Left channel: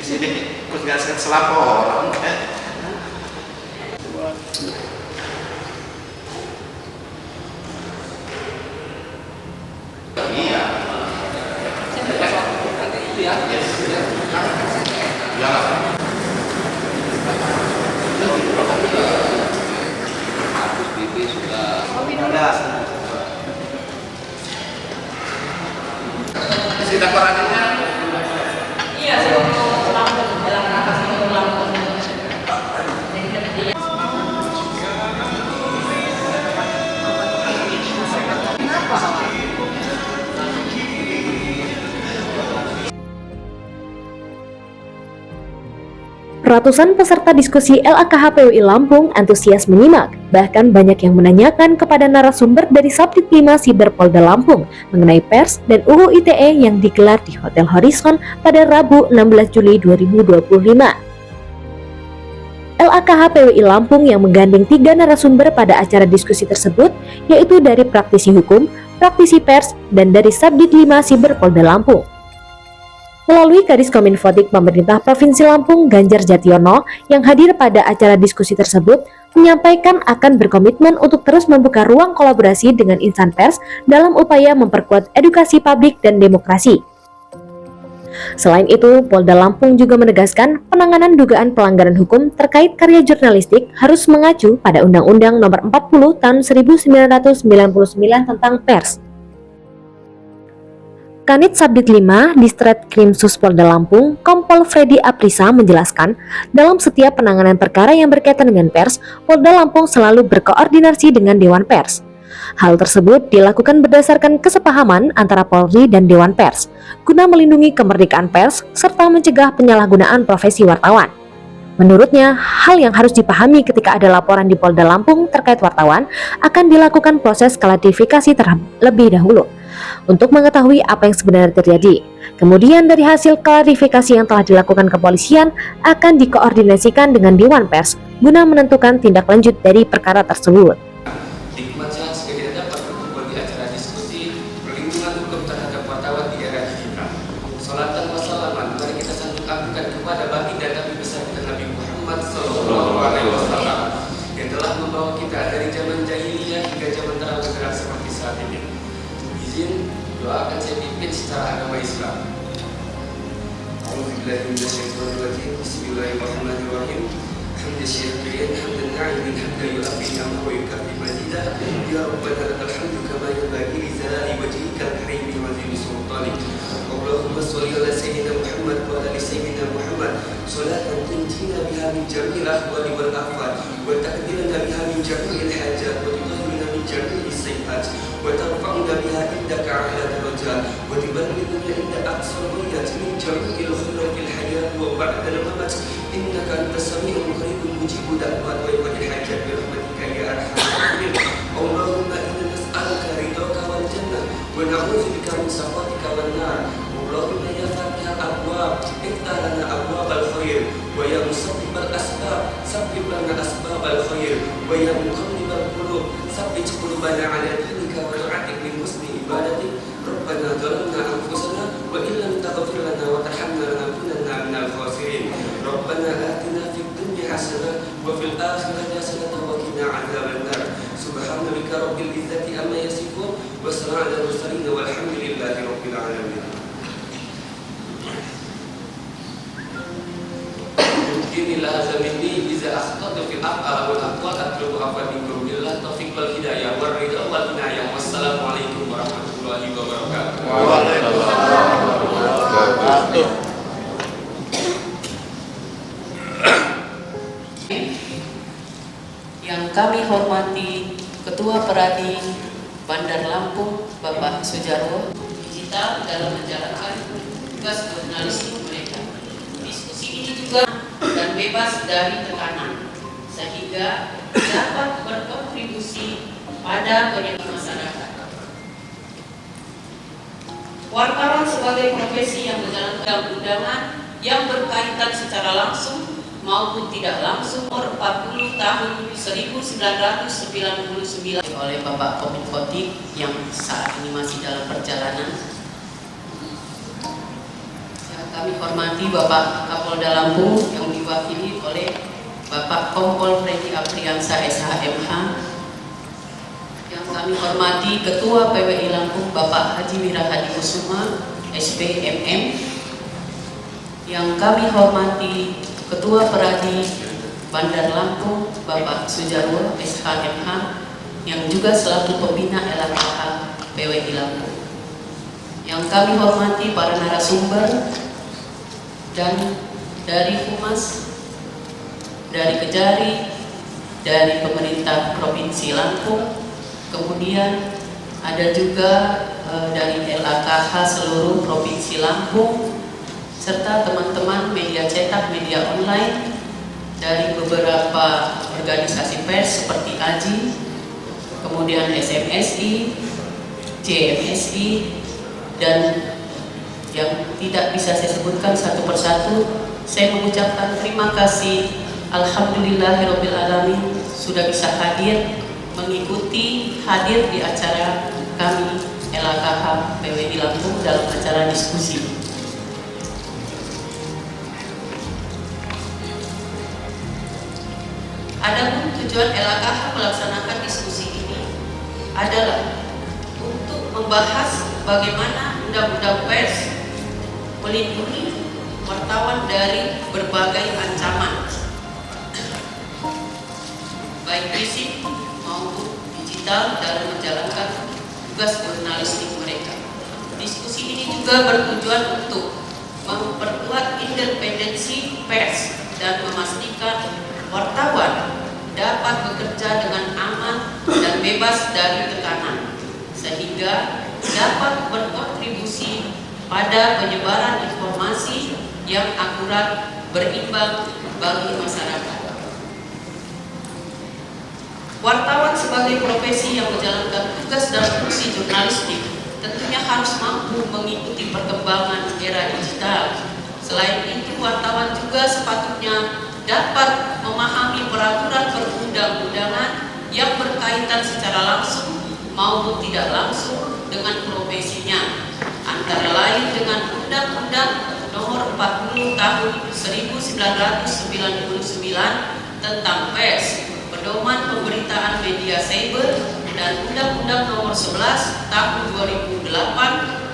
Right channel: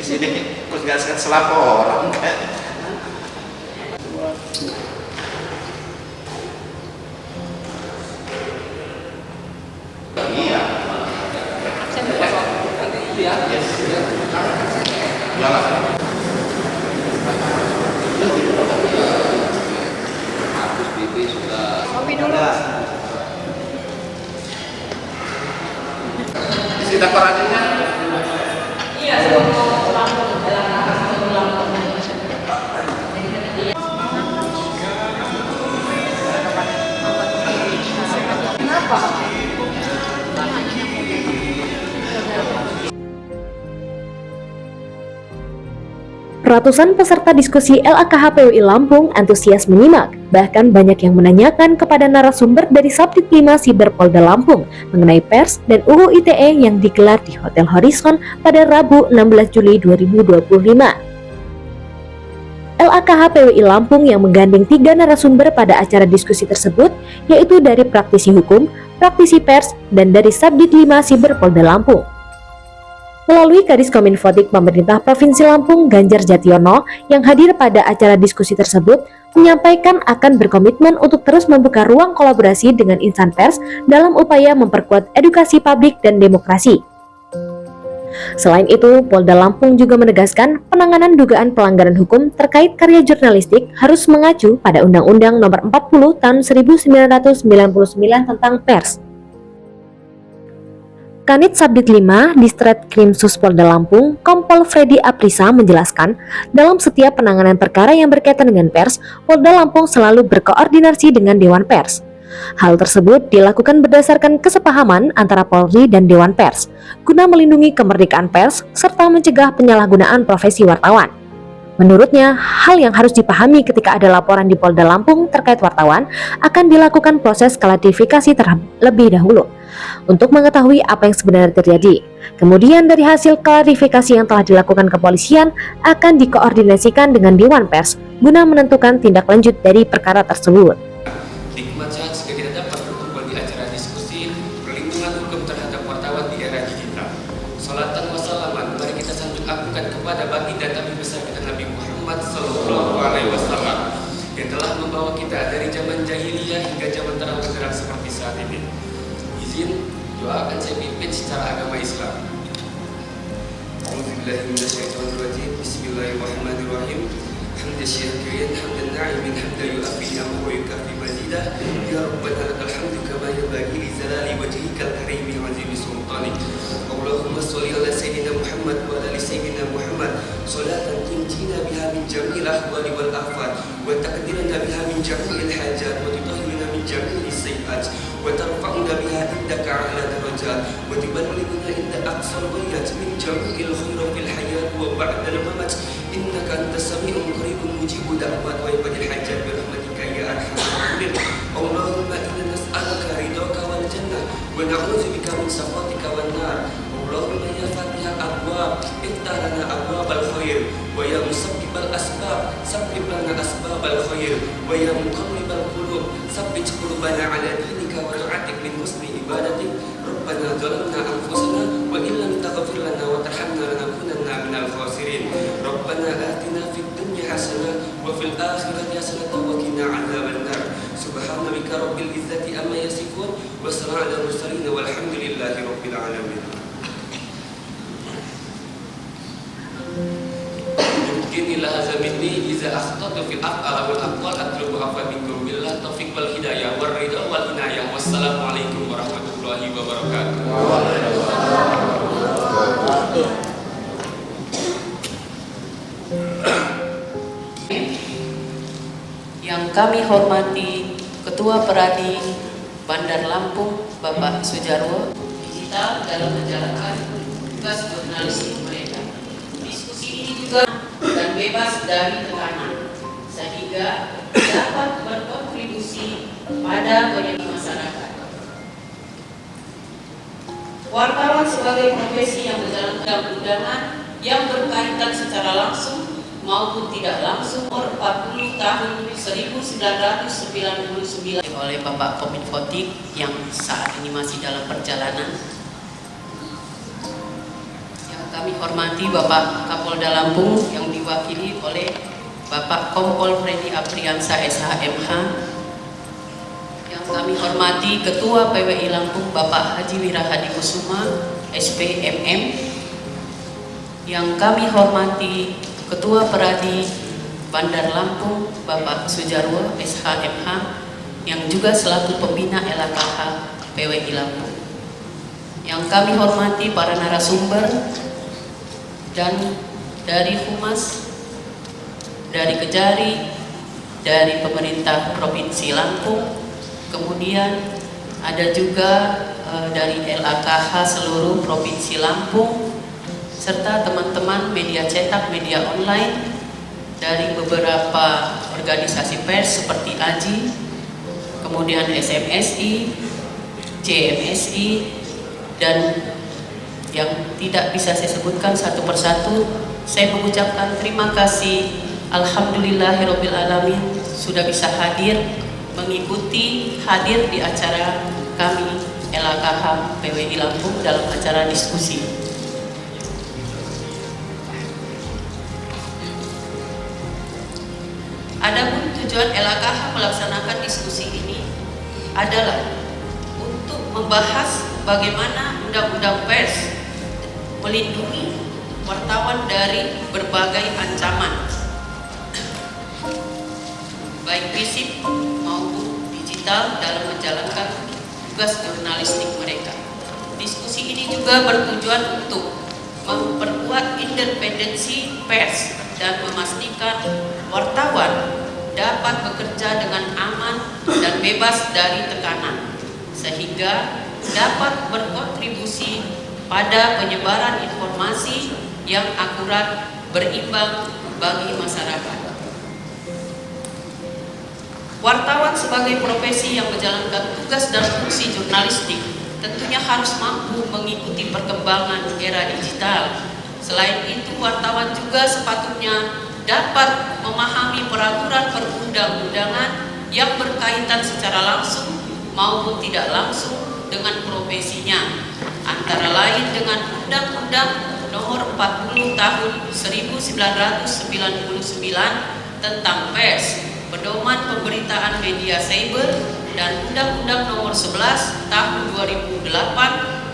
di sini terus nggak selaporan kan. Iya. Iya. Iyalah. Hapus BP sudah. Kopi dulu. Isi daftar adanya. Iya, sebelum Lampung, dalam rangka sebelum Lampung. Kenapa? Ratusan peserta diskusi LAKHPWI Lampung antusias menyimak, bahkan banyak yang menanyakan kepada narasumber dari Subdit 5 Siberpolda Lampung mengenai pers dan UU ITE yang digelar di Hotel Horizon pada Rabu 16 Juli 2025. LAKHPWI Lampung yang menggandeng 3 narasumber pada acara diskusi tersebut, yaitu dari praktisi hukum, praktisi pers, dan dari Subdit 5 Siberpolda Lampung. Melalui Kadis Kominfotik Pemerintah Provinsi Lampung, Ganjar Jationo, yang hadir pada acara diskusi tersebut, menyampaikan akan berkomitmen untuk terus membuka ruang kolaborasi dengan insan pers dalam upaya memperkuat edukasi publik dan demokrasi. Selain itu, Polda Lampung juga menegaskan penanganan dugaan pelanggaran hukum terkait karya jurnalistik harus mengacu pada Undang-Undang Nomor 40 Tahun 1999 tentang pers. Kanit Subdit 5 Distreskrim Polda Lampung, Kompol Freddy Aprisa menjelaskan, dalam setiap penanganan perkara yang berkaitan dengan pers, Polda Lampung selalu berkoordinasi dengan Dewan Pers. Hal tersebut dilakukan berdasarkan kesepahaman antara Polri dan Dewan Pers, guna melindungi kemerdekaan pers serta mencegah penyalahgunaan profesi wartawan. Menurutnya, hal yang harus dipahami ketika ada laporan di Polda Lampung terkait wartawan akan dilakukan proses klarifikasi terlebih dahulu untuk mengetahui apa yang sebenarnya terjadi. Kemudian dari hasil klarifikasi yang telah dilakukan kepolisian akan dikoordinasikan dengan Dewan Pers guna menentukan tindak lanjut dari perkara tersebut. Hikmat sehat jika kita dapat berkumpul di acara diskusi perlindungan hukum terhadap wartawan di era digital. Salatan wassalaman mari kita sanjung agunkan kepada baginda Nabi besar kita Nabi Muhammad SAW yang telah membawa kita dari zaman jahiliyah hingga zaman terang benderang seperti saat ini. Izin doakan saya pimpin secara agama Islam. A'udzubillahiminasyaitonirrajim. Bismillahirrahmanirrahim. Hamdan syakirin, hamdan na'imin, hamdan yu'afi ni'amahu wa yukafi mazidah. Ya Rabbana lakal hamdu kama yanbaghi li jalali wajhikal karimi wa 'azimi sultanik. Allahumma shalli ala sayyidina Muhammad wa ala ali sayyidina Muhammad salatan tunjina biha min jami'il ahwali wal afat wa taqdiruna biha min jami'il hajat wa tutahhiruna min jami'is sayyi'at wa tarfa'una biha indaka 'ala darajat wa tuballighuna inda aqsal ghayat min jami'il khairat fil hayat wa ba'dal mamat innaka antas sami'un qaribun mujibud da'wat wa ibadil hajat bi rahmatika ya arhamar rahimin. Allahumma inna nas'aluka ridhaka wal jannah wa na'udzubika min sakhatika wan nar. Allahumma ya fatihal abwab iftah lana abwabal khair wa ya musabbibal asbab sabbib lana asbabal khair wa ya muqallibal qulub sabbit qulubana ala dinika wa tu'atik min husni ibadatik. Rabbana zalamna anfusana wa illam taghfir lana wa tarhamna lanakunanna minal khasirin. Rabbana atina fid dunya hasanah wa fil akhirati hasanah wa qina adzaban nar. Subhana rabbika rabbil izzati amma yasifun wa salamun alal mursalin walhamdulillahi rabbil alamin. Inilah hadza minni iza akhtatu fil af'al wal aqwal atlubu afwa minkum billah taufiq wal hidayah war ridha wal inayah. Wassalamualaikum warahmatullahi wabarakatuh. Yang kami hormati Ketua Peradi Bandar Lampung Bapak Sujarwo digital dalam menjalankan tugas jurnalistik mereka. Diskusi ini juga dan bebas dari tekanan sehingga dapat berkontribusi pada banyak masyarakat. Wartawan sebagai profesi yang menjalankan undangan yang berkaitan secara langsung maupun tidak langsung nomor 40 tahun 1999 oleh Bapak Kominfotik yang saat ini masih dalam perjalanan. Yang kami hormati Bapak Kapolda Lampung yang diwakili oleh Bapak Kompol Freddy Apriansa SHMH, yang kami hormati Ketua PWI Lampung Bapak Haji Wirahadi Kusuma SPMM, yang kami hormati Ketua Peradi Bandar Lampung Bapak Sujarwo SHMH, yang juga selaku pembina LKH PWI Lampung, yang kami hormati para narasumber dan dari Humas, dari Kejari, dari pemerintah Provinsi Lampung, kemudian ada juga dari LKH seluruh Provinsi Lampung, serta teman-teman media cetak, media online dari beberapa organisasi pers seperti AJI, kemudian SMSI, JMSI, dan yang tidak bisa saya sebutkan satu persatu. Saya mengucapkan terima kasih, alhamdulillahirabbil alamin, sudah bisa hadir di acara kami LKH PWI Lampung dalam acara diskusi. Adapun tujuan LKH melaksanakan diskusi ini adalah untuk membahas bagaimana undang-undang pers melindungi wartawan dari berbagai ancaman, baik fisik maupun digital, dalam menjalankan tugas jurnalistik mereka. Diskusi ini juga bertujuan untuk memperkuat independensi pers dan memastikan wartawan dapat bekerja dengan aman dan bebas dari tekanan, sehingga dapat berkontribusi pada penyebaran informasi yang akurat, berimbang bagi masyarakat. Wartawan sebagai profesi yang menjalankan tugas dan fungsi jurnalistik tentunya harus mampu mengikuti perkembangan era digital. Selain itu, wartawan juga sepatutnya dapat memahami peraturan perundang-undangan yang berkaitan secara langsung maupun tidak langsung dengan profesinya, antara lain dengan Undang-Undang Nomor 40 Tahun 1999 tentang pers, Pedoman Pemberitaan Media Cyber, dan Undang-Undang Nomor 11 Tahun 2008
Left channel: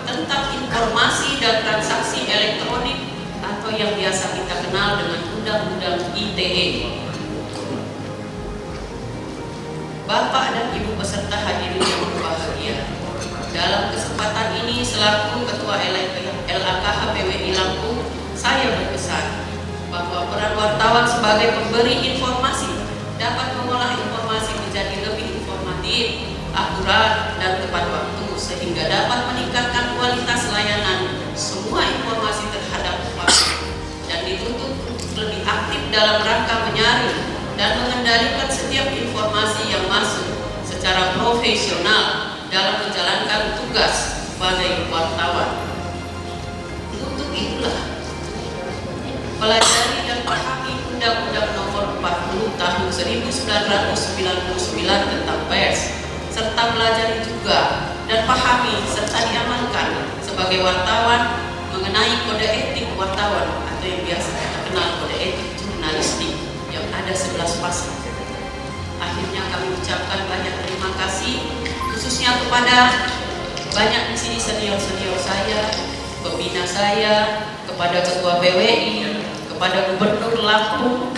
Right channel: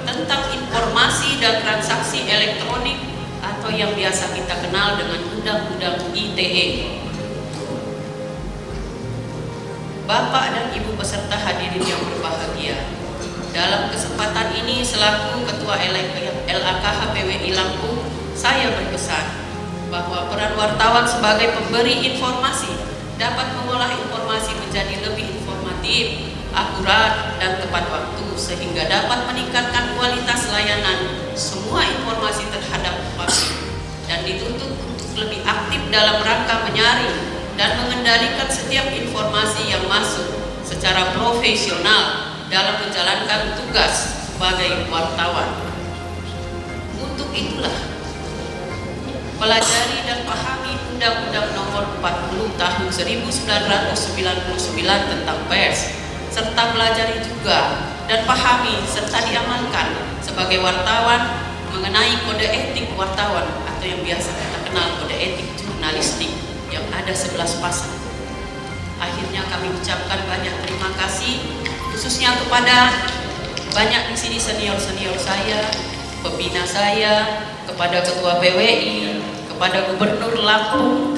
tentang Informasi dan Transaksi Elektronik, atau yang biasa kita kenal dengan Undang-Undang ITE. Bapak dan Ibu peserta hadirin yang berbahagia, dalam kesempatan ini selaku Ketua LKH PWI Lampung, saya berpesan bahwa peran wartawan sebagai pemberi informasi dapat mengolah informasi menjadi lebih informatif, akurat, dan tepat waktu, sehingga dapat meningkatkan kualitas layanan semua informasi terhadap publik, dan dituntut untuk lebih aktif dalam rangka menyaring dan mengendalikan setiap informasi yang masuk secara profesional dalam menjalankan tugas sebagai wartawan. Untuk itulah, pelajari dan pahami Undang-Undang Nomor 40 Tahun 1999 tentang pers, serta pelajari juga dan pahami serta diamalkan sebagai wartawan mengenai kode etik wartawan, atau yang biasa kita kenal kode etik jurnalistik, yang ada 11 pasal. Akhirnya kami ucapkan banyak terima kasih, khususnya kepada banyak di sini senior-senior saya, pembina saya, kepada Ketua PWI, kepada Gubernur Lampung,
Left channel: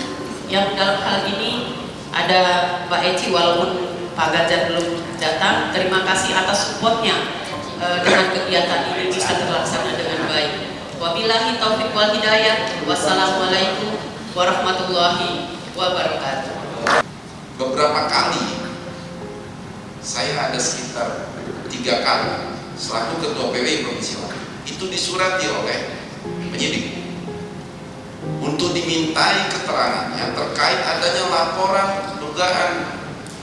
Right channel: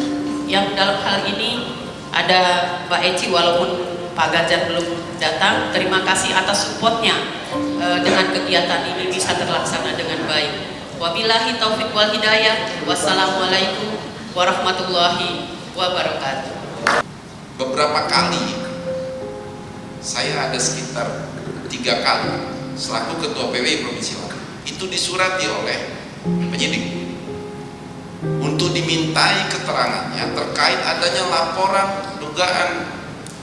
yang dalam hal ini ada Mbak Eci, walaupun Pak Ganjar belum datang. Terima kasih atas supportnya dengan kegiatan ini bisa terlaksana dengan baik. Wabillahi taufiq wal hidayah. Wassalamualaikum warahmatullahi wabarakatuh. Beberapa kali, saya ada sekitar 3 kali selaku Ketua PWI Provinsi Lampung itu disurati oleh penyidik untuk dimintai keterangannya terkait adanya laporan dugaan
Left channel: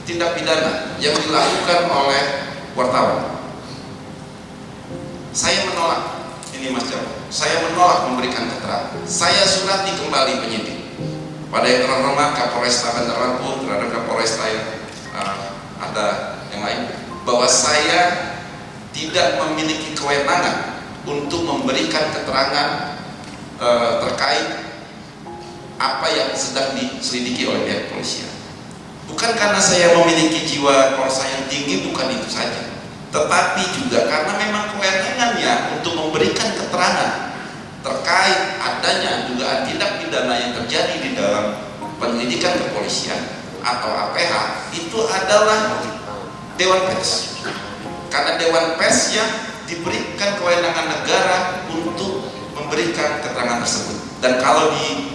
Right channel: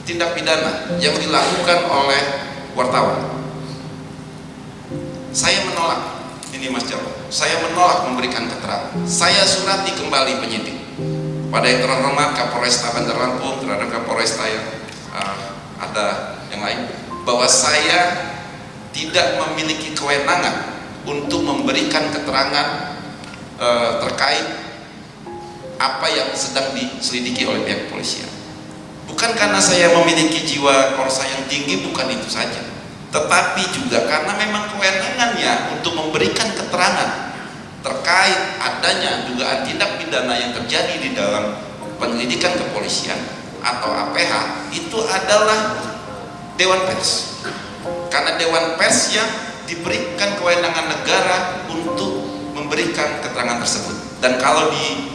tindak pidana yang dilakukan oleh wartawan. Saya menolak, ini Mas Jawa, saya menolak memberikan keterangan. Saya surati kembali penyidik pada yang terhormat Kapolresta Bandar Lampung, terhadap Kapolresta yang ada yang lain, bahwa saya tidak memiliki kewenangan untuk memberikan keterangan terkait apa yang sedang diselidiki oleh pihak kepolisian. Bukan karena saya memiliki jiwa korsa yang tinggi, bukan itu saja, tetapi juga karena memang kewenangannya untuk memberikan keterangan terkait adanya dugaan tindak pidana yang terjadi di dalam penyelidikan kepolisian atau APH itu adalah Dewan Pers. Karena Dewan Pers yang diberikan kewenangan negara untuk memberikan keterangan tersebut. Dan kalau di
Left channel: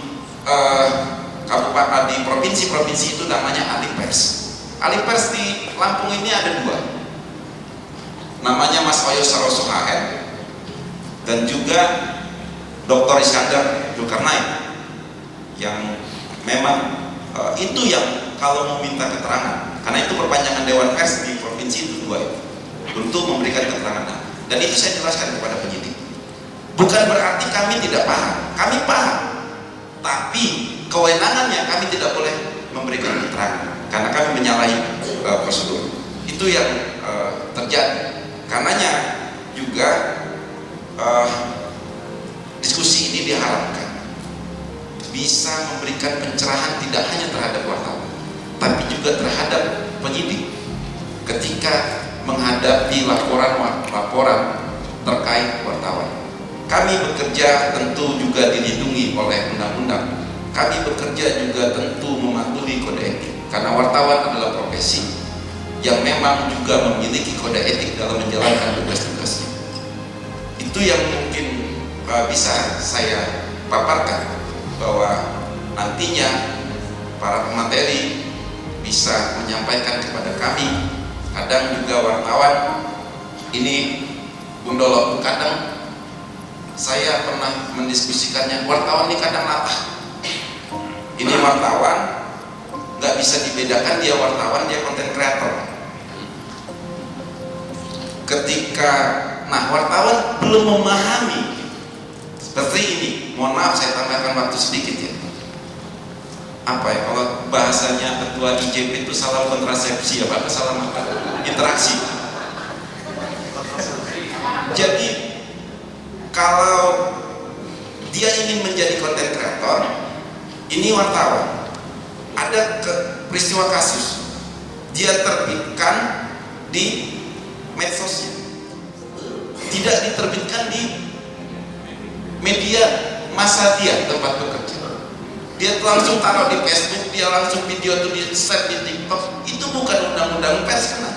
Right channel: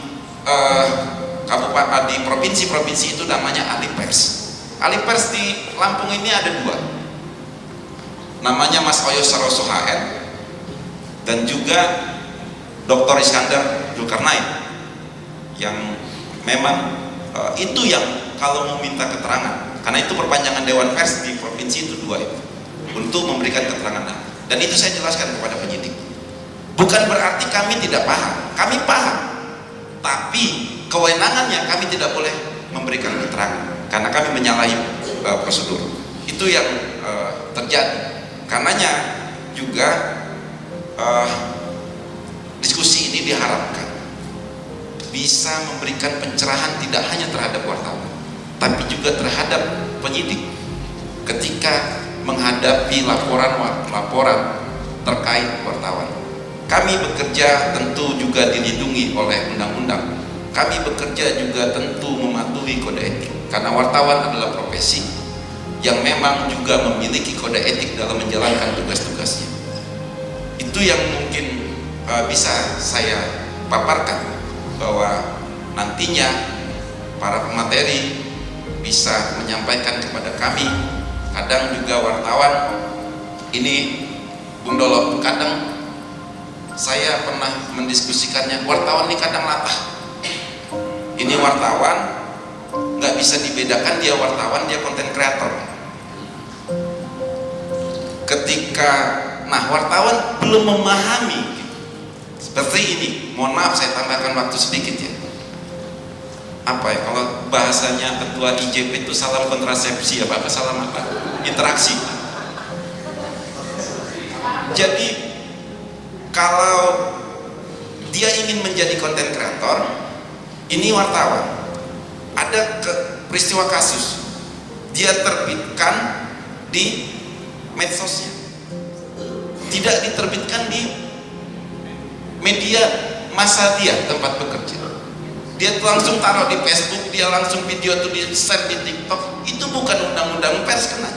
kabupaten, di provinsi-provinsi itu namanya ahli pers. Ahli pers di Lampung ini ada dua, namanya Mas Oyo Saroso HN dan juga Dr. Iskandar Zulkarnain, yang memang itu yang kalau mau minta keterangan, karena itu perpanjangan Dewan Pers di provinsi itu dua itu, untuk memberikan keterangan. Dan itu saya jelaskan kepada penyidik. Bukan berarti kami tidak paham, kami paham, tapi kewenangannya kami tidak boleh memberikan keterangan karena kami menyalahi prosedur. Itu yang terjadi. Karenanya juga diskusi ini diharapkan bisa memberikan pencerahan tidak hanya terhadap wartawan, tapi juga terhadap penyidik ketika menghadapi laporan terkait wartawan. Kami bekerja tentu juga dilindungi oleh undang-undang. Kami bekerja juga tentu mematuhi kode etik, karena wartawan adalah profesi yang memang juga memiliki kode etik dalam menjalankan tugas-tugasnya. Itu yang mungkin bisa saya paparkan, bahwa nantinya para pemateri bisa menyampaikan kepada kami. Kadang juga wartawan ini, Bung Dolo, kadang saya pernah mendiskusikannya, wartawan ini kadang latah. Ini wartawan nggak bisa dibedakan, dia wartawan, dia konten kreator. Ketika wartawan belum memahami seperti ini, mohon maaf saya tambahkan waktu sedikit ya. Apa ya, kalau bahasanya ketua IJP itu salam kontrasepsi apa salam apa? Interaksi. Jadi kalau dia ingin menjadi konten kreator, ini wartawan, ada peristiwa kasus, dia terbitkan di medsosnya, tidak diterbitkan di media massa dia tempat bekerja. Dia langsung taruh di Facebook, dia langsung video itu di share di TikTok. Itu bukan undang-undang pers, kena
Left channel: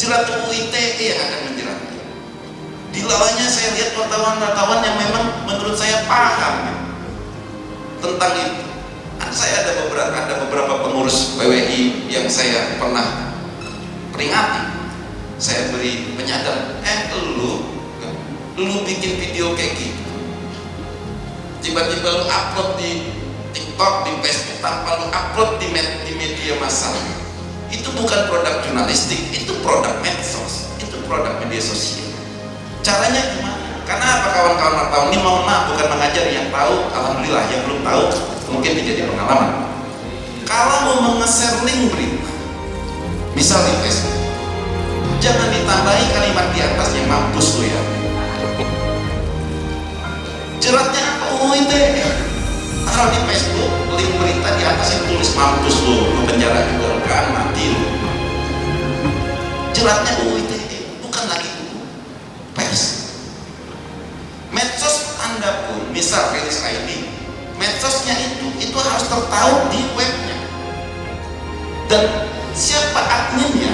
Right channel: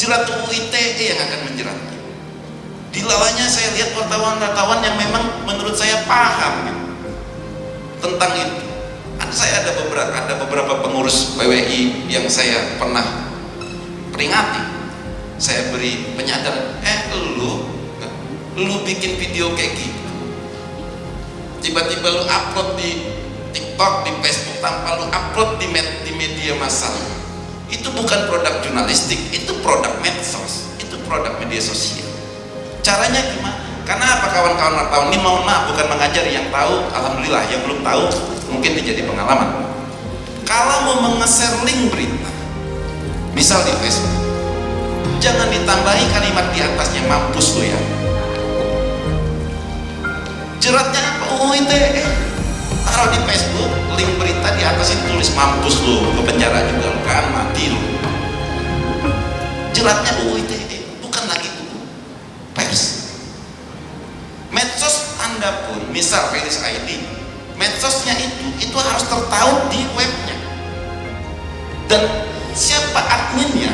jerat UU ITE yang akan menjeratnya. Di lawannya saya lihat wartawan-wartawan yang memang menurut saya paham gitu, tentang itu. Saya ada beberapa pengurus PWI yang saya pernah peringati, saya beri penyadaran, lu bikin video kayak gitu, tiba-tiba lu upload di TikTok, di Facebook tanpa lu upload di media massal, itu bukan produk jurnalistik, itu produk medsos, itu produk media sosial. Caranya gimana? Karena apa kawan-kawan wartawan ini, mohon maaf, bukan mengajar, yang tahu alhamdulillah, yang belum tahu mungkin menjadi pengalaman. Kalau mau menge-share link berita, misal di Facebook, jangan ditambahi kalimat di atasnya mampus lo ya. Jeratnya apa? UU ITE. Taruh di Facebook link berita, di atasnya tulis mampus lo, ke penjara juga lo kan, mati lo. Jeratnya UU ITE, bukan lagi UU pers. Medsos Anda pun, misal Felis ID, medsosnya itu harus tertaut di webnya, dan siapa adminnya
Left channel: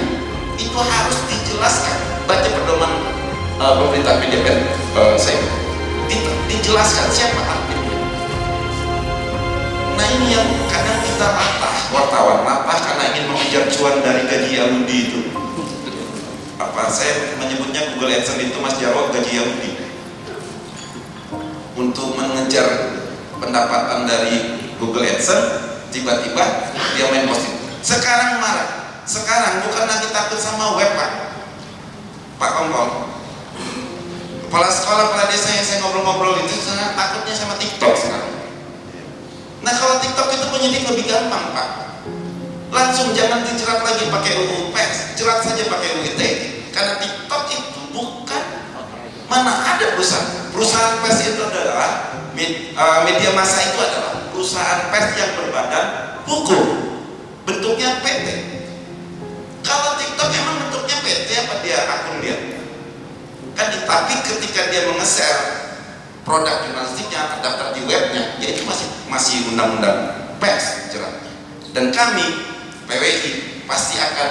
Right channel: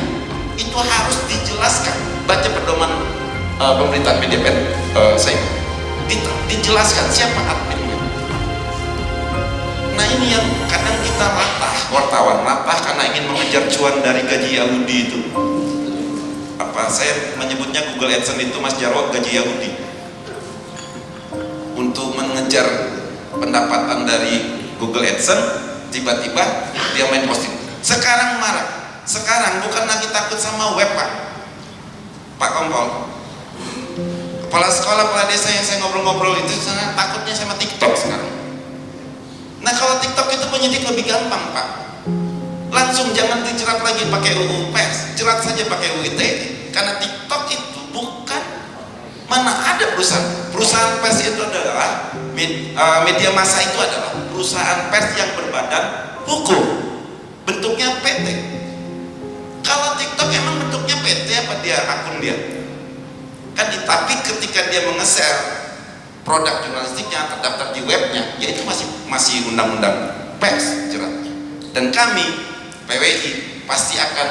itu harus dijelaskan. Baca pedoman pemberitaan PDPR saya, dijelaskan siapa adminnya. Nah ini yang kadang kita latah, wartawan latah karena ingin mengejar cuan dari gaji Yahudi itu. Apa saya menyebutnya Google AdSense itu, Mas Jarwo, gaji Yahudi. Untuk mengejar pendapatan dari Google AdSense, tiba-tiba dia main posting. Sekarang marah. Sekarang bukan lagi takut sama web, Pak Kompol. Kepala sekolah, kepala desa yang saya ngobrol-ngobrol itu, takutnya sama TikTok sekarang. Nah kalau TikTok itu penyidik lebih gampang, Pak. Langsung jangan dijerat lagi pakai UU pers, jerat saja pakai UU ITE. Karena TikTok itu bukan, mana ada perusahaan pers itu adalah Media massa itu adalah perusahaan pers yang berbadan hukum, bentuknya PT. Kalau TikTok emang bentuknya PT apa dia akun dia? Kan, tapi ketika dia menge-share produk jurnalistiknya terdaftar di webnya, ya itu masih undang-undang pers jeratnya. Dan kami PWI pasti akan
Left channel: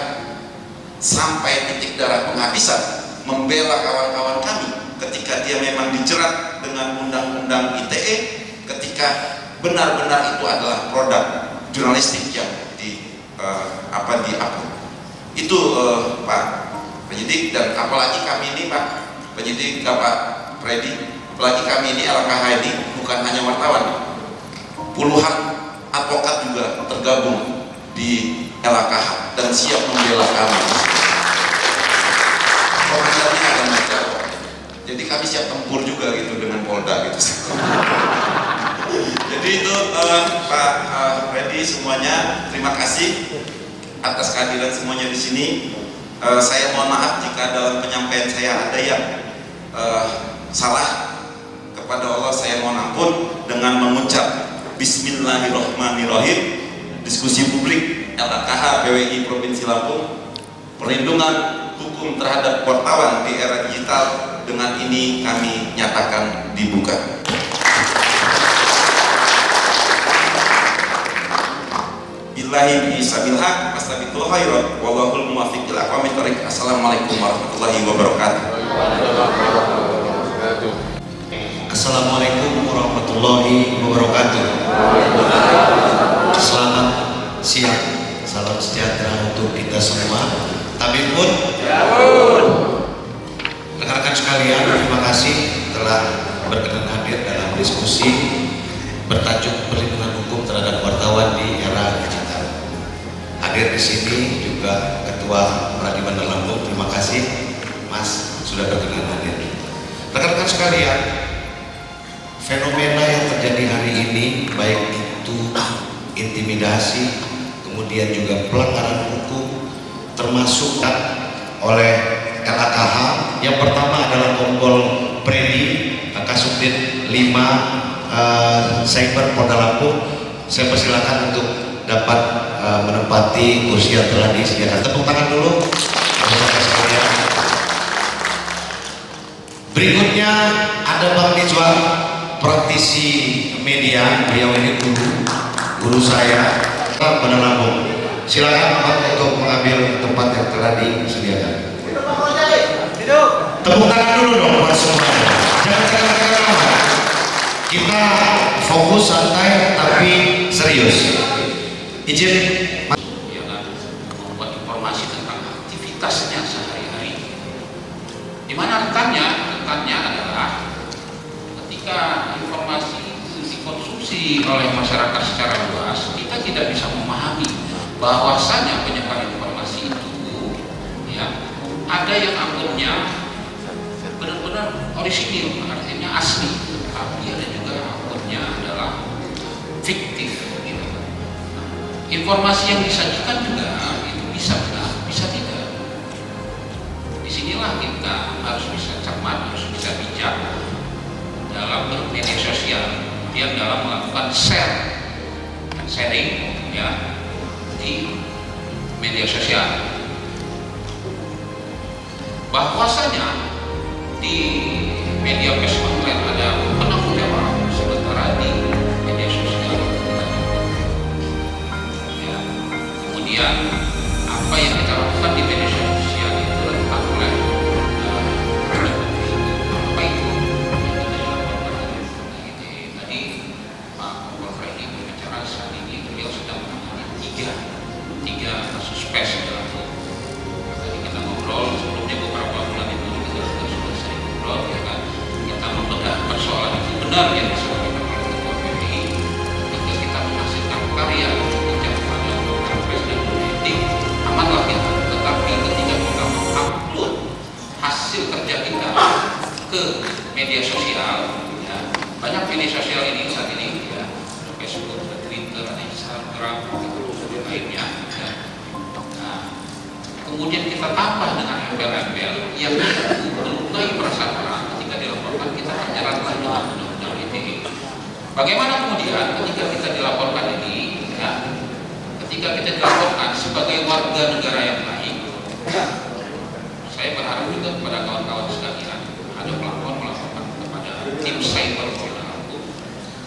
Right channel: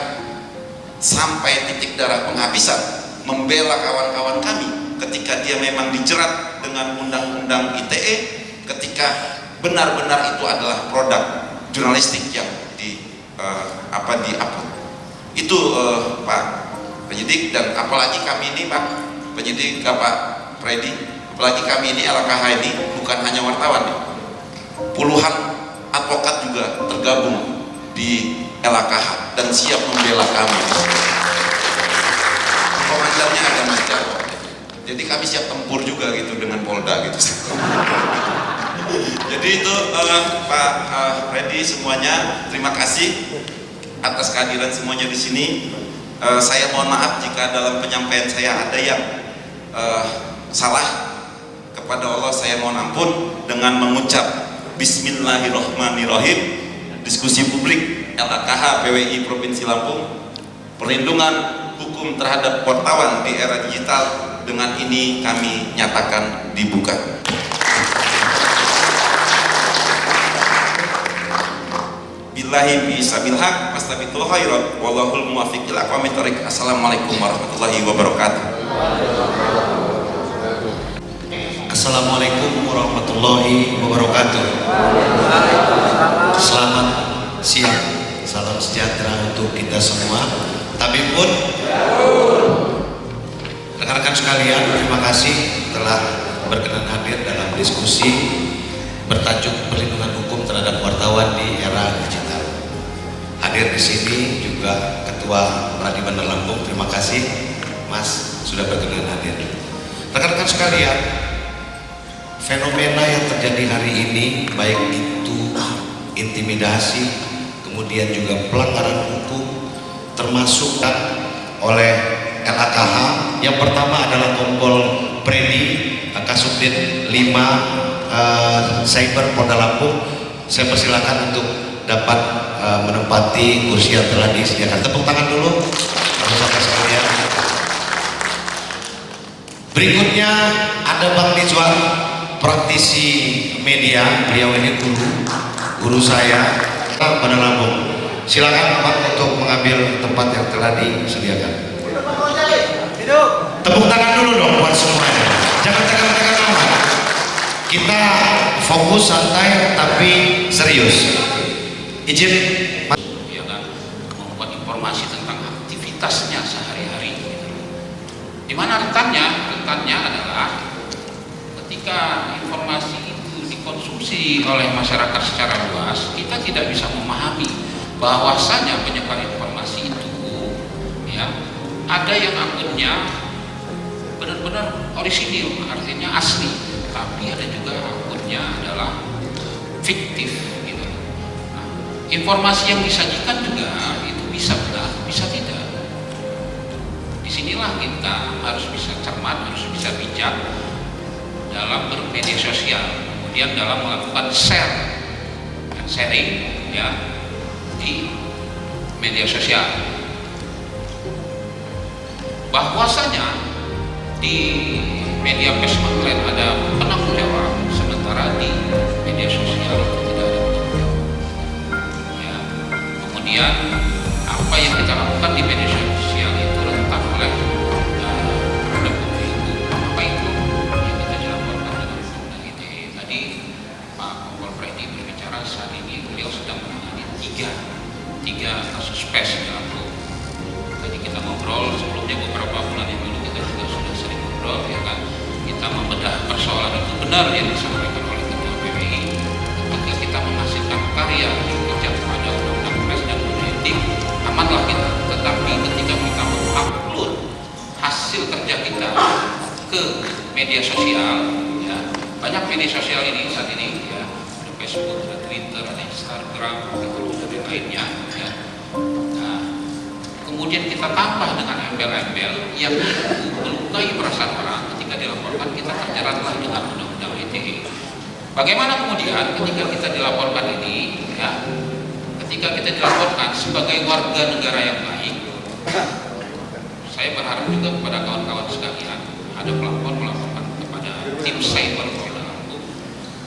sampai titik darah penghabisan membela kawan-kawan kami ketika dia memang dijerat dengan undang-undang ITE, ketika benar-benar itu adalah produk jurnalistik yang diupload. Itu Pak Penyidik, dan apalagi kami ini Pak Penyidik, Pak Freddy, apalagi kami ini LKH ini bukan hanya wartawan, puluhan advokat juga tergabung di LKH dan siap membela kami. Komandannya ada macam, jadi kami siap tempur juga gitu dengan Polda gitu. Jadi itu Pak Freddy, semuanya terima kasih atas kehadiran semuanya di sini. Saya mohon maaf jika dalam penyampaian saya ada yang salah. Kepada Allah saya mohon ampun dengan mengucap Bismillahirrahmanirrahim. Diskusi publik LKH PWI Provinsi Lampung, perlindungan hukum terhadap wartawan di era digital, dengan ini kami nyatakan dibuka. Billahi bisabil haq wastabiqul khairat wallahul muwaffiq ila aqwamit thoriq. Assalamualaikum warahmatullahi wabarakatuh. Assalamualaikum warahmatullahi wabarakatuh. Selamat siang, salam sejahtera untuk kita semua. Tapi pun rekan-rekan sekalian, terima kasih telah berkenan hadir dalam diskusi bertajuk perlindungan hukum terhadap wartawan di era digital. Hadir di sini juga Ketua Pradi Bandar Lampung. Terima kasih Mas sudah berkenan hadir. Rekan-rekan sekalian, fenomena yang terjadi hari ini, baik itu intimidasi, kemudian juga pelanggaran hukum, termasuk oleh LKH. Yang pertama adalah Kompol Freddy, Kasubdit 5 Cyber Polda Lampung. Saya persilakan untuk dapat menempati kursi yang telah disediakan. Tepuk tangan dulu rekan-rekan sekalian. Berikutnya ada Bang Nizwan, praktisi media. Beliau ini guru saya pada Lampung. Silakan Pak untuk mengambil tempat yang telah disediakan. Tepuk tangan dulu dong buat semuanya. Jangan tegang-tegang amat. Kita fokus santai tapi serius. Izin ya kan, membuat informasi tentang aktivitasnya sehari-hari. Di mana rentannya adalah ketika informasi itu dikonsumsi oleh masyarakat secara luas, kita tidak bisa memahami bahwasanya penyebar informasi itu ya ada yang akunnya benar-benar orisinil, artinya asli, tapi ada juga akunnya adalah fiktif gitu. Nah, informasi yang disajikan juga itu bisa benar, bisa tidak. Disinilah kita harus bisa cermat, harus bisa bijak dalam bermedia sosial, kemudian dalam melakukan share dan sharing ya di media sosial. Bahwasanya di media pers online ada penanggung jawab, sementara di media sosial tidak ada. Ya. Kemudian apa yang kita lakukan di media sosial itu rentan oleh produk itu. Apa itu yang kita dilaporkan oleh Polda ITE. Tadi Pak Kompol Freddy berbicara, saat ini beliau sedang menangani tiga kasus pers di Lampung. Tadi kita ngobrol sebelumnya, beberapa bulan yang lalu kita juga sudah sering ngobrol ya kan. Kita membedah persoalan itu benar yang disampaikan oleh Ketua PWI ketika kita menghasilkan karya bijak pada undang-undang pers dan kode etik, amanlah kita. Tetapi ketika kita mengupload hasil kerja kita ke media sosial ya, banyak media sosial ini saat ini ya, ada Facebook, ada Twitter, ada Instagram, dan lainnya ya. Nah, kemudian kita tambah dengan embel-embel yang melukai perasaan orang, ketika dilaporkan kita terjeratlah dengan undang-undang ITE. Bagaimana kemudian ketika kita dilaporkan ini, ya, ketika kita dilaporkan sebagai warga negara yang baik, saya berharap juga kepada kawan-kawan sekalian, ada pelapor melaporkan kepada tim cyber Polda Lampung,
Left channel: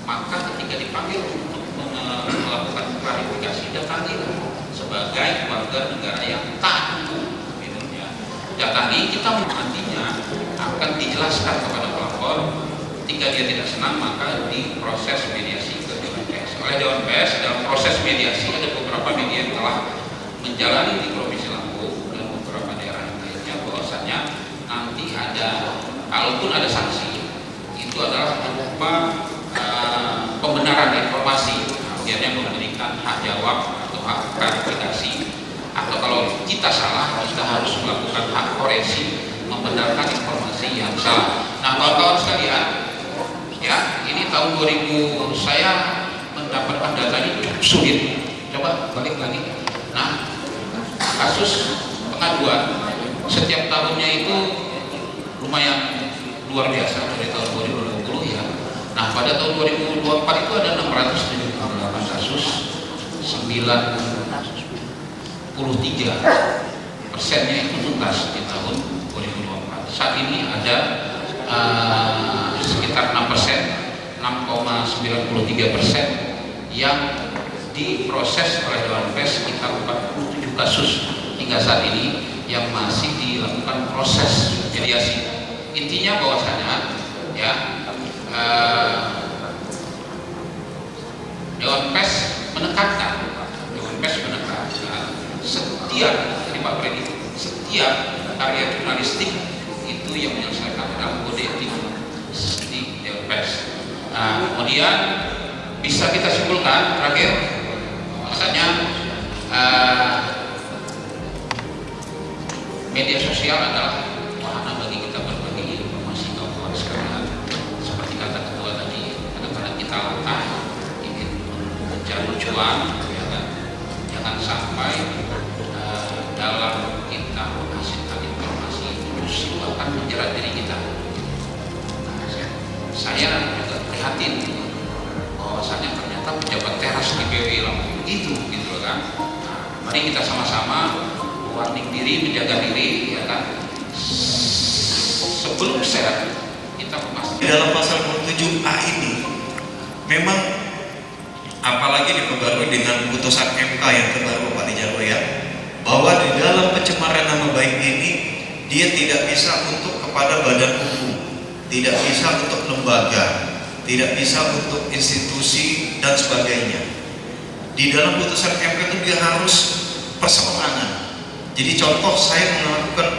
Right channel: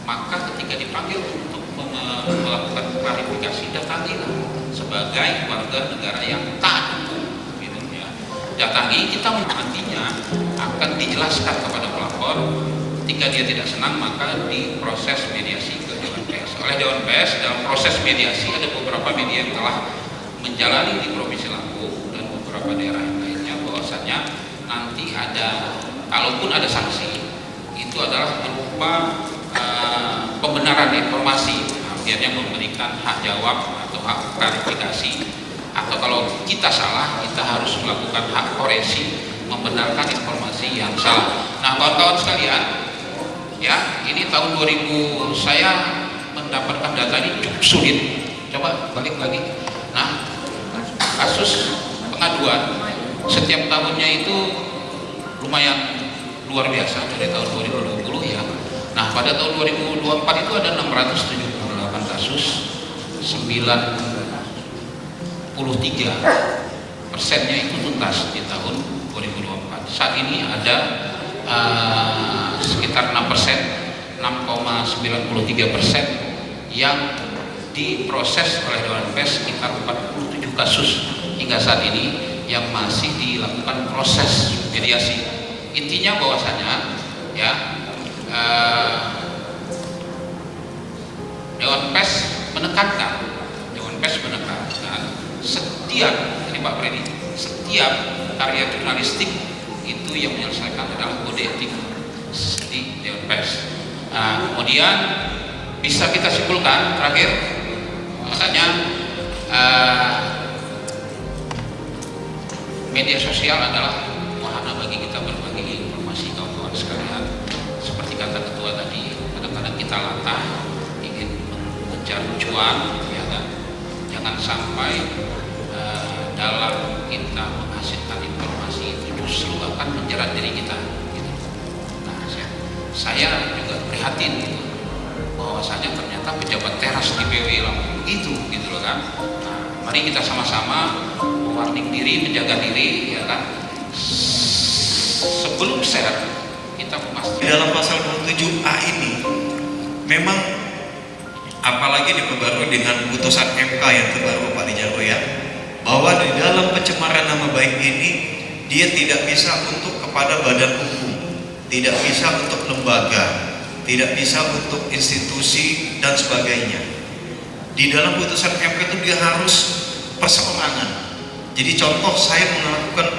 maka ketika dipanggil untuk melakukan klarifikasi, datangilah sebagai warga negara yang taat hukum, gitu ya. Datangi, kita nantinya akan dijelaskan kepada pelapor. Ketika dia tidak senang, maka diproses mediasi ke Dewan Pers. Oleh Dewan Pers, dalam proses mediasi ada beberapa media yang telah menjalani di Provinsi Lampung dan beberapa daerah yang lainnya, bahwasannya nanti ada, kalaupun ada sanksi, itu adalah berupa pembenaran informasi, akhirnya memberikan hak jawab atau hak klarifikasi, atau kalau kita salah, kita harus melakukan hak koreksi, membenarkan informasi yang salah. Nah, kawan-kawan sekalian, ya, ini tahun 2000 saya mendapatkan data ini cukup sulit. Coba balik lagi. Nah, kasus pengaduan setiap tahunnya itu lumayan luar biasa dari tahun 2020 ya. Nah, pada tahun 2024 itu ada 678 kasus, 93%-nya itu tuntas di tahun 2024. Saat ini ada sekitar 6%, 6,93% yang diproses oleh Dewan Pers, sekitar 47 kasus hingga saat ini yang masih dilakukan proses mediasi. Intinya bahwasanya ya, Dewan Pers menekankan setiap, ini Pak Freddy, setiap karya jurnalistik itu yang menyelesaikan dalam kode etik di Dewan Pers. Nah, kemudian bisa kita simpulkan terakhir, makanya media sosial adalah wahana bagi kita berbagi informasi, kawan-kawan sekalian. Seperti kata ketua tadi, kadang-kadang kita latah ingin mengejar cuan, ya kan? Jangan sampai dalam kita menghasilkan informasi itu justru akan menjerat diri kita. Nah, saya juga prihatin bahwasanya ternyata pejabat teras di PW Lampung gitu loh kan. Nah, mari kita sama-sama mewarning diri, menjaga diri, ya kan. Sebelum share kita memastikan. Dalam pasal 27A ini memang apalagi diperbarui dengan putusan MK yang terbaru Pak Dijarwo ya, bahwa di dalam pencemaran nama baik ini dia tidak bisa untuk kepada badan hukum, tidak bisa untuk lembaga, tidak bisa untuk institusi dan sebagainya. Di dalam putusan MK itu dia harus perseorangan. Jadi contoh saya melakukan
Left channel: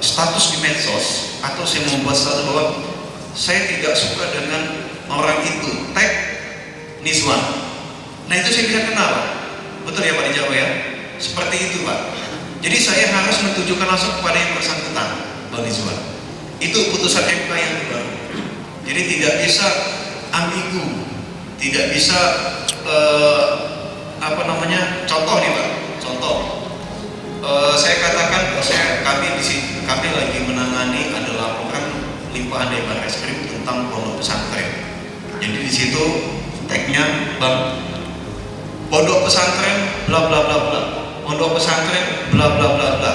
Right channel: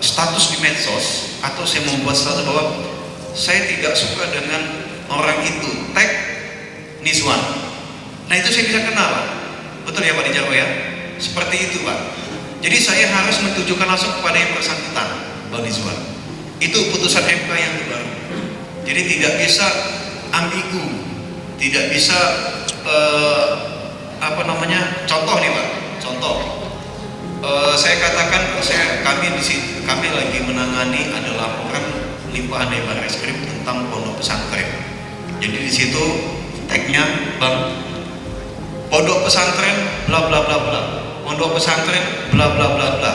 status di medsos, atau saya membuat status bahwa saya tidak suka dengan orang itu, tag Nizwan. Nah itu saya bisa kenal, betul ya Pak Dijarwo ya? Seperti itu Pak. Jadi saya harus menunjukkan langsung kepada yang bersangkutan, Bang Nizwan. Itu putusan MK yang terbaru. Jadi tidak bisa ambigu, tidak bisa contoh nih Pak, contoh. Saya katakan, kami lagi menangani ada laporan limpahan dari Barreskrim tentang pondok pesantren. Jadi di situ tagnya Bang, pondok pesantren bla bla bla bla, pondok pesantren bla bla bla bla.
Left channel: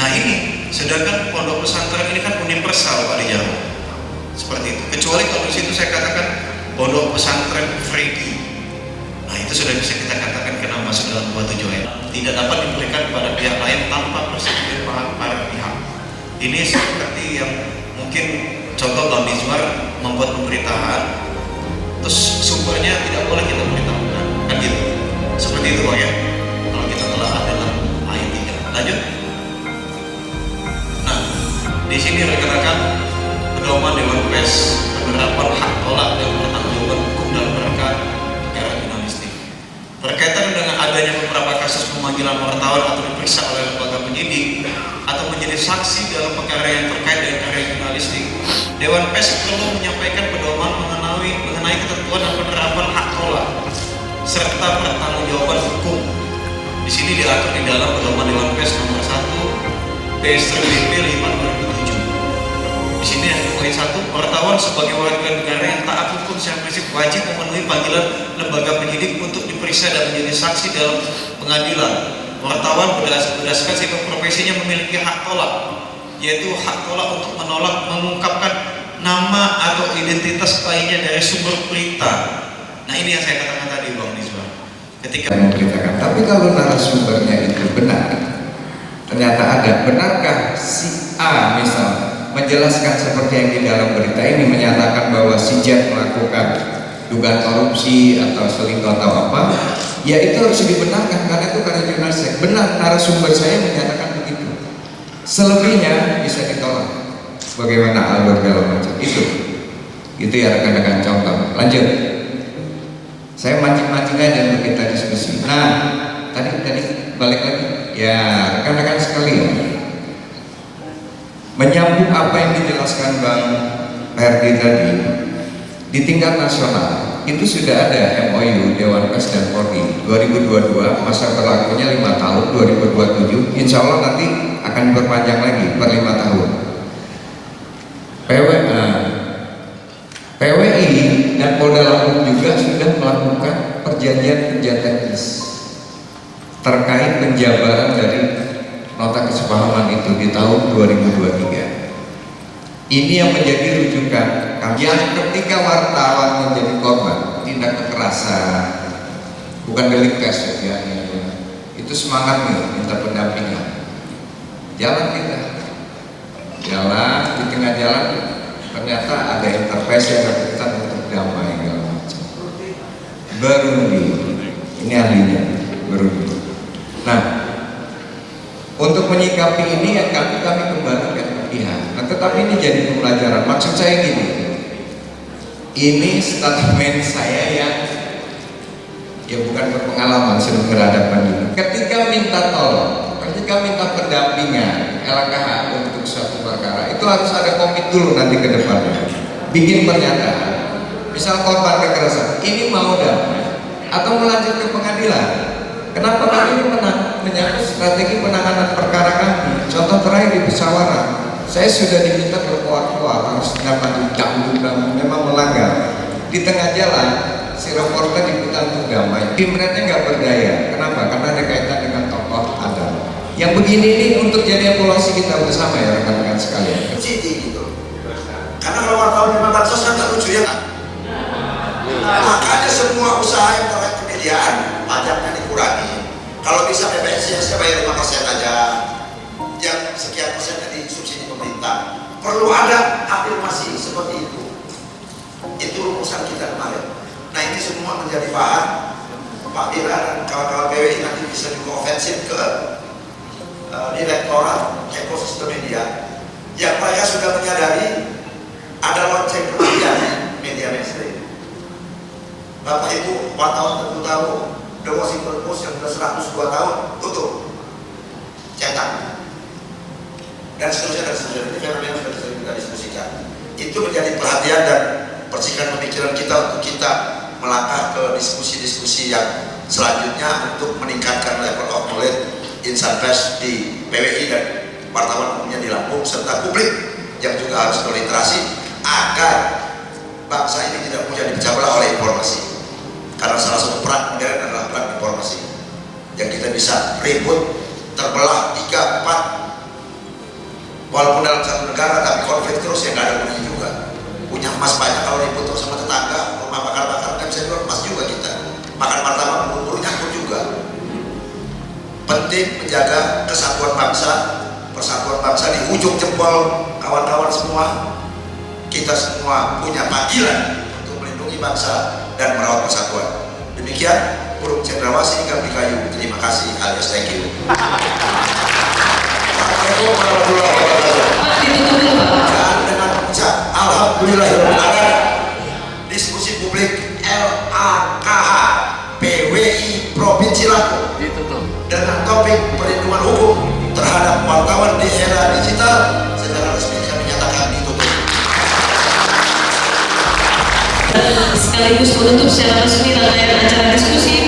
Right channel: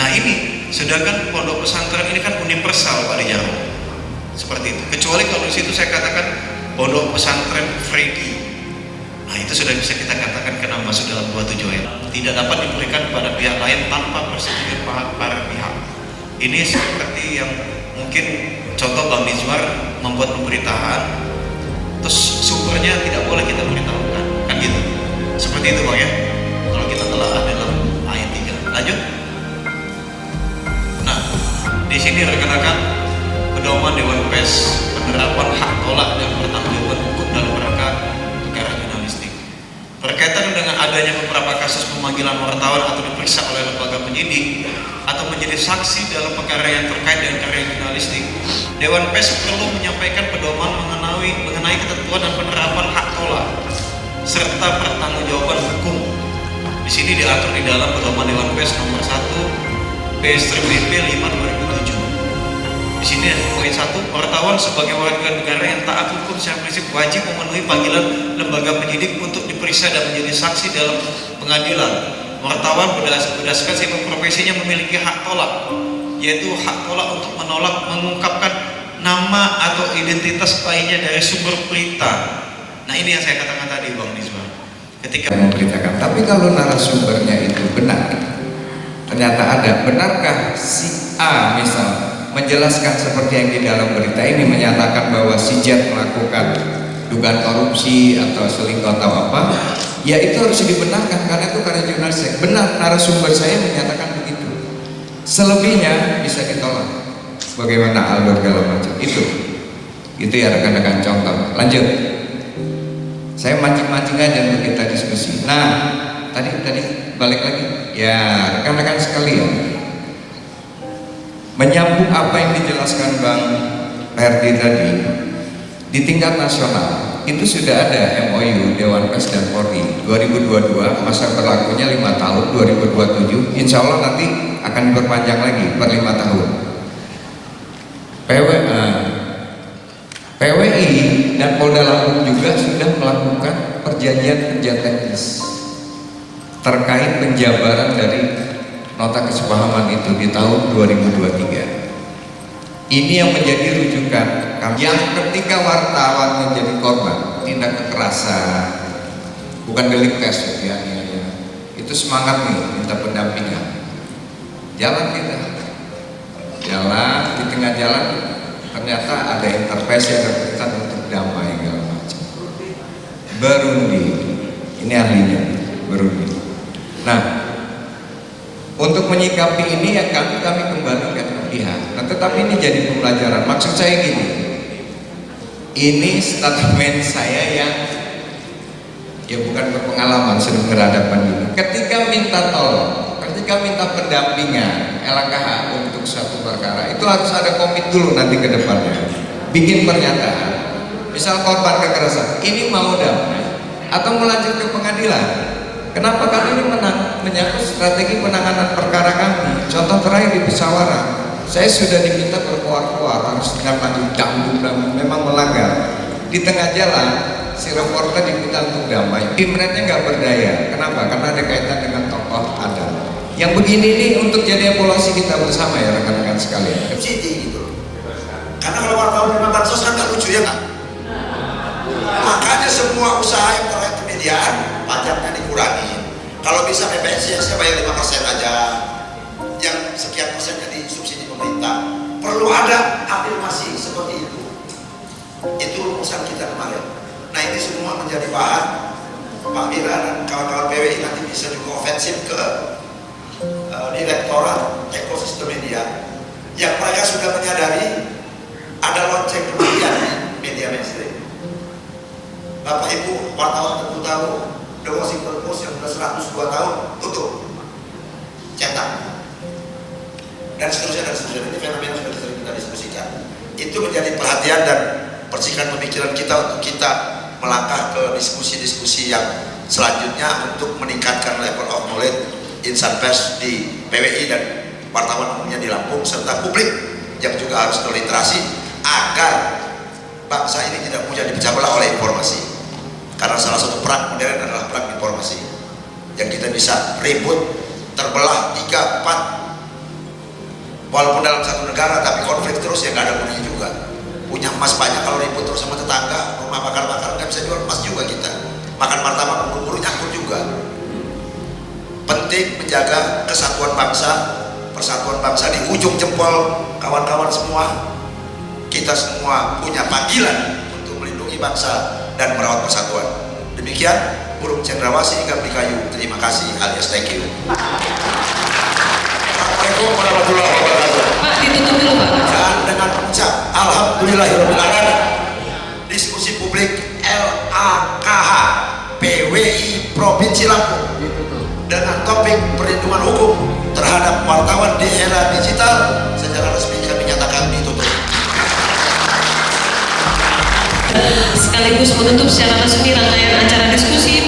Nah ini, sedangkan pondok pesantren ini kan universal Pak Dijarwo, seperti itu. Kecuali kalau di situ saya katakan pondok pesantren Freddy. Nah itu sudah bisa kita katakan kena masuk dalam 27 ayat. Tidak dapat diberikan kepada pihak lain tanpa persetujuan para pihak. Ini seperti yang mungkin contoh Bang Nizwan membuat pemberitaan, terus sumbernya tidak boleh kita beritahukan, kan gitu. Seperti itu Bang ya. Kalau kita telah ada dalam ayat 3. Lanjut. Nah, di sini rekan-rekan pedoman Dewan Pers penerapan hak tolak dan pertanggungjawaban hukum dalam rangka perkara jurnalistik. Berkaitan dengan adanya beberapa kasus pemanggilan wartawan atau diperiksa oleh lembaga penyidik atau menjadi saksi dalam perkara yang terkait dengan karya jurnalistik, Dewan Pers perlu menyampaikan pedoman mengenai ketentuan dan penerapan hak tolak serta pertanggungjawaban hukum. Di sini diatur di dalam pedoman Dewan Pers nomor 1 PS BP 5/2007. Di sini poin 1, wartawan sebagai warga negara yang taat hukum secara prinsip wajib memenuhi panggilan lembaga penyidik untuk diperiksa dan menjadi saksi dalam pengadilan. Wartawan berdasarkan sifat profesinya memiliki hak tolak, yaitu hak tolak untuk menolak mengungkapkan nama atau identitas lainnya dari sumber berita. Nah ini yang saya katakan tadi Bang Nizwa. Ketika memberitakan, tapi kalau narasumbernya itu benar, ternyata ada, benarkah si A misal menjelaskan seperti yang di dalam berita ini, menyatakan bahwa si Z melakukan dugaan korupsi atau selingkuh atau apa, ya itu harus dibenarkan karena itu karya jurnalistik. Benar, narasumber saya menyatakan begitu. Selebihnya bisa ditolak. Bagaimana alur segala macam itu ya rekan-rekan. Contoh, lanjut. Saya mancing-mancing aja untuk kita diskusi. Nah, tadi balik lagi. Ya, rekan-rekan sekalian, menyambung apa yang dijelaskan Bang Herdi tadi, di tingkat nasional itu sudah ada MOU Dewan Pers dan Polri 2022, masa berlakunya 5 tahun, 2027 insya Allah nanti akan diperpanjang lagi per 5 tahun. PWI dan Polda Lampung juga sudah melakukan perjanjian kerja teknis terkait penjabaran dari nota kesepahaman itu di tahun 2023. Ini yang menjadi rujukan yang ketika wartawan menjadi korban tindak kekerasan, bukan delik pers ya, itu semangat nih minta pendampingan. Jalan kita, jalan di tengah jalan ternyata ada intervensi yang berkaitan untuk damai segala macam. Burundi, ini ahlinya Burundi. Nah, untuk menyikapi ini yang kami kembalikan ke pihak. Nah, tetapi ini jadi pembelajaran. Maksud saya gini, ini statement saya yang ya bukan berpengalaman, sudah berhadapan dulu. Ketika minta tolong, ketika minta pendampingan LKH untuk suatu perkara, itu harus ada komit dulu nanti ke depannya. Bikin pernyataan. Misal korban kekerasan, ini mau damai atau melanjut ke pengadilan. Kenapa kami ini menyangkut strategi penanganan perkara kami? Contoh terakhir di Pesawaran, saya sudah diminta berkeluar-keluar harus tindak lanjut dangdut, memang melanggar. Di tengah jalan, si reporter diminta untuk damai. Pimretnya nggak berdaya. Kenapa? Karena ada kaitan dengan tokoh adat. Yang begini ini untuk jadi evaluasi kita bersama ya rekan-rekan sekalian. Gitu. Karena kalau wartawan di bansos kan nggak lucu ya kan? Makanya semua usaha yang terkait kemediaan pajaknya dikurangi. Kalau bisa PPS ya saya bayar 5% aja, yang sekian persennya disubsidi pemerintah. Perlu ada afirmasi seperti itu. Itu rumusan kita kemarin. Nah ini semua menjadi bahan Pak Ira dan kawan-kawan PWI nanti bisa juga ofensif ke Direktorat Ekosistem Media yang mereka sudah menyadari ada lonceng kematian di media mainstream. Bapak Ibu wartawan tentu tahu The Washington Post yang sudah 102 tahun tutup cetak dan seterusnya. Ini fenomena sudah sering kita diskusikan. Itu menjadi perhatian dan percikan pemikiran kita untuk kita melangkah ke diskusi-diskusi yang selanjutnya untuk meningkatkan level of knowledge insan pers di PWI dan wartawan umumnya di Lampung serta publik yang juga harus berliterasi agar bangsa ini tidak mudah dipecah belah oleh informasi. Karena salah satu perang modern adalah perang informasi yang kita bisa ribut terbelah 3, 4 walaupun dalam satu negara tapi konflik terus yang gak ada gunanya juga. Punya emas banyak kalau ribut terus sama tetangga, rumah bakar-bakar nggak bisa jual emas juga kita. Makan martabak buru-buru nyangkut juga. Penting menjaga kesatuan bangsa, persatuan bangsa di ujung jempol kawan-kawan semua. Kita semua punya panggilan untuk melindungi bangsa dan merawat persatuan. Demikian burung cendrawasih hingga kayu. Terima kasih alias thank you. Assalamualaikum warahmatullahi wabarakatuh. Dan dengan ucap alhamdulillahirobbilalamin, diskusi publik LAKH PWI Provinsi Lampung dengan topik perlindungan hukum terhadap wartawan di era digital secara resmi kami nyatakan ditutup. Sekaligus menutup secara resmi rangkaian acara diskusi